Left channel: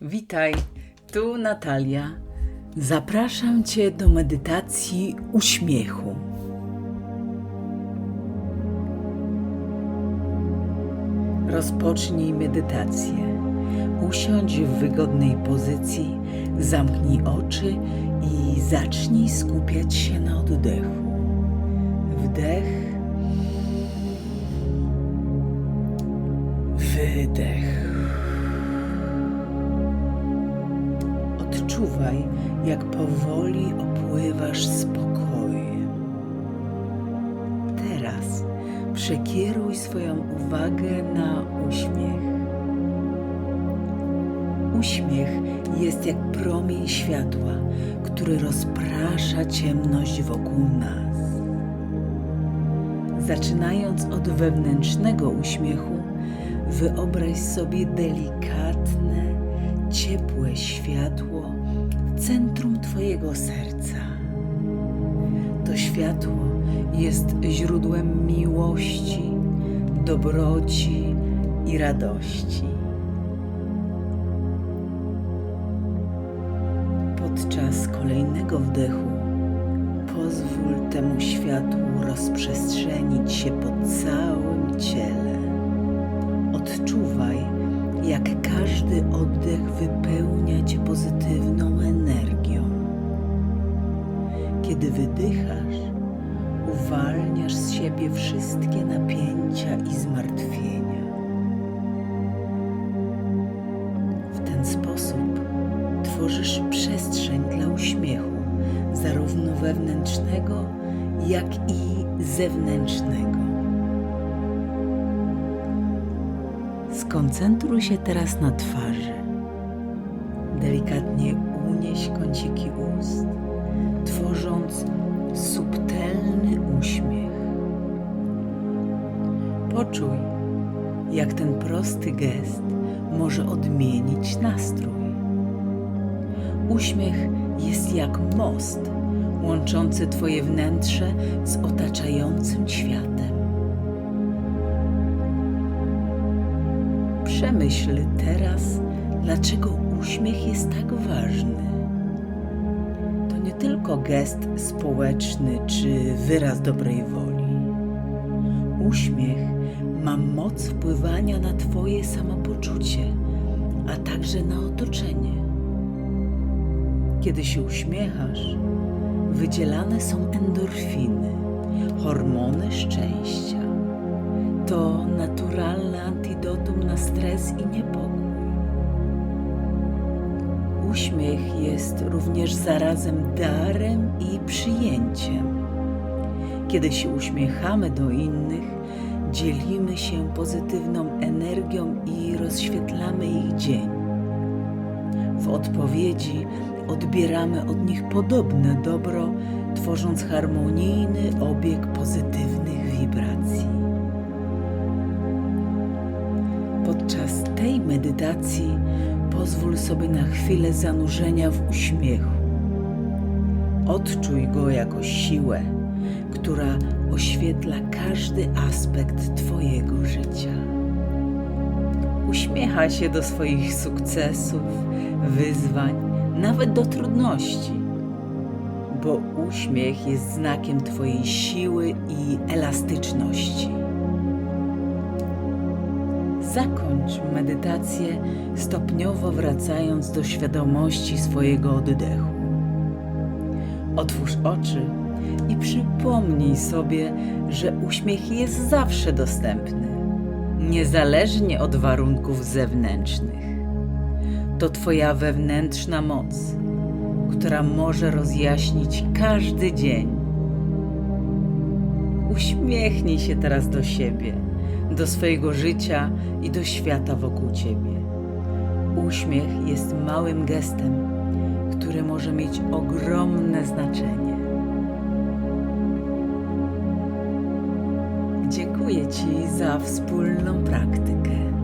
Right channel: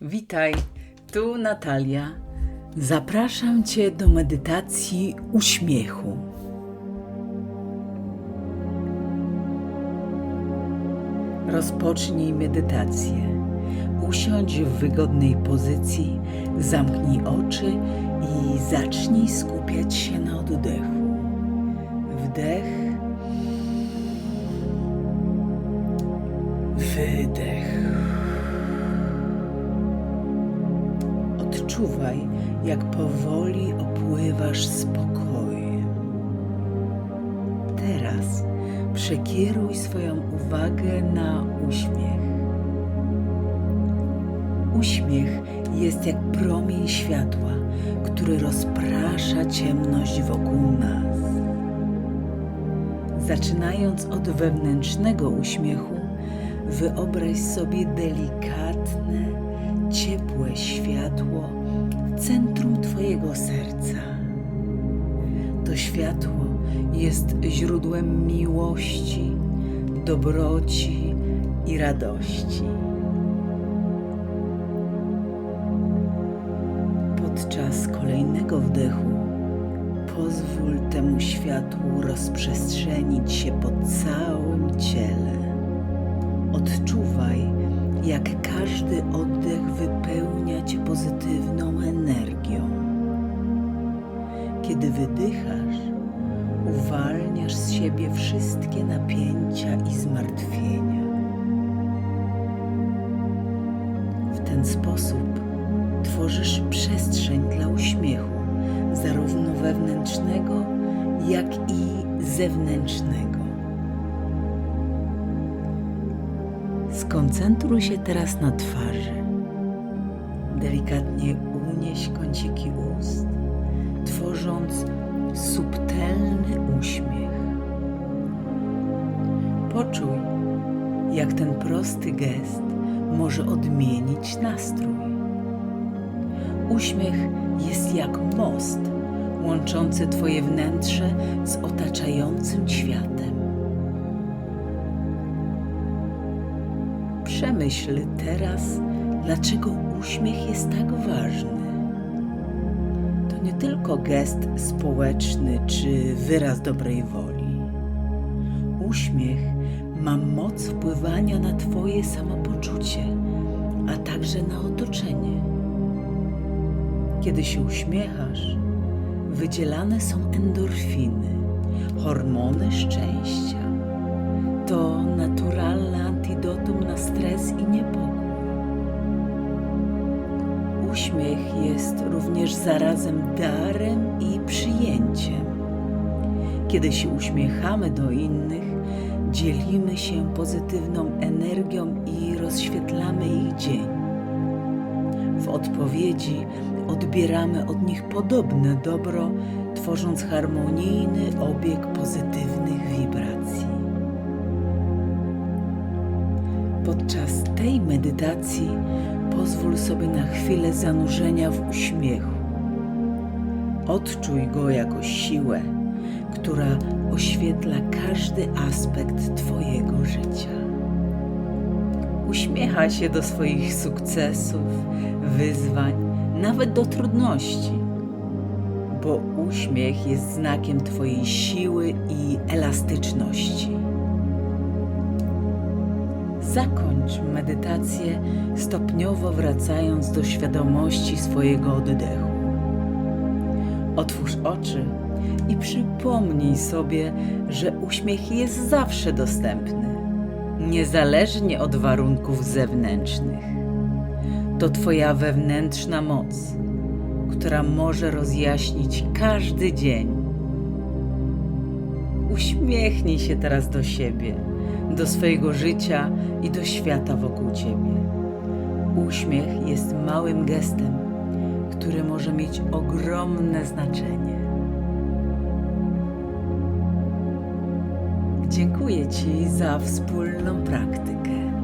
Witaj, tu Natalia. Zapraszam Cię do medytacji uśmiechu. Rozpocznij medytację. Usiądź w wygodnej pozycji, zamknij oczy i zacznij skupiać się na oddechu. Wdech, wydech. Odczuwaj, jak powoli opływasz spokojem. Teraz przekieruj swoją uwagę na uśmiech. Uśmiech jest jak promień światła, który rozprasza ciemność wokół nas. Zaczynając od wewnętrznego uśmiechu, wyobraź sobie delikatne, ciepłe światło w centrum Twojego serca. To światło jest źródłem miłości, dobroci i radości. Podczas kolejnego wdechu pozwól temu światłu rozprzestrzenić się po całym ciele. Odczuwaj, jak każdy oddech wypełnia cię pozytywną energią. Kiedy wydychasz, uwalniasz z siebie wszystkie napięcia i zmartwienia. W ten sposób tworzysz przestrzeń dla uśmiechu, zarówno wewnętrznego, jak i zewnętrznego. Skoncentruj się teraz na twarzy. Delikatnie unieś kąciki ust, tworząc subtelny uśmiech. Poczuj, jak ten prosty gest może odmienić nastrój. Uśmiech jest jak most łączący Twoje wnętrze z otaczającym światem. Przemyśl teraz, dlaczego uśmiech jest tak ważny. To nie tylko gest społeczny czy wyraz dobrej woli. Uśmiech ma moc wpływania na Twoje samopoczucie, a także na otoczenie. Kiedy się uśmiechasz, wydzielane są endorfiny, hormony szczęścia. To naturalne antidotum na stres i niepokój. Uśmiech jest również zarazem darem i przyjęciem. Kiedy się uśmiechamy do innych, dzielimy się pozytywną energią i rozświetlamy ich dzień. W odpowiedzi odbieramy od nich podobne dobro, tworząc harmonijny obieg pozytywnych wibracji. Podczas tej medytacji pozwól sobie na chwilę zanurzenia w uśmiechu. Odczuj go jako siłę, która oświetla każdy aspekt Twojego życia. Uśmiecha się do swoich sukcesów, wyzwań, nawet do trudności, bo uśmiech jest znakiem Twojej siły i elastyczności. Zakończ medytację, stopniowo wracając do świadomości swojego oddechu. Otwórz oczy i przypomnij sobie, że uśmiech jest zawsze dostępny, niezależnie od warunków zewnętrznych. To Twoja wewnętrzna moc, która może rozjaśnić każdy dzień. Uśmiechnij się teraz do siebie do swojego życia i do świata wokół ciebie. Uśmiech jest małym gestem, który może mieć ogromne znaczenie. Dziękuję Ci za wspólną praktykę.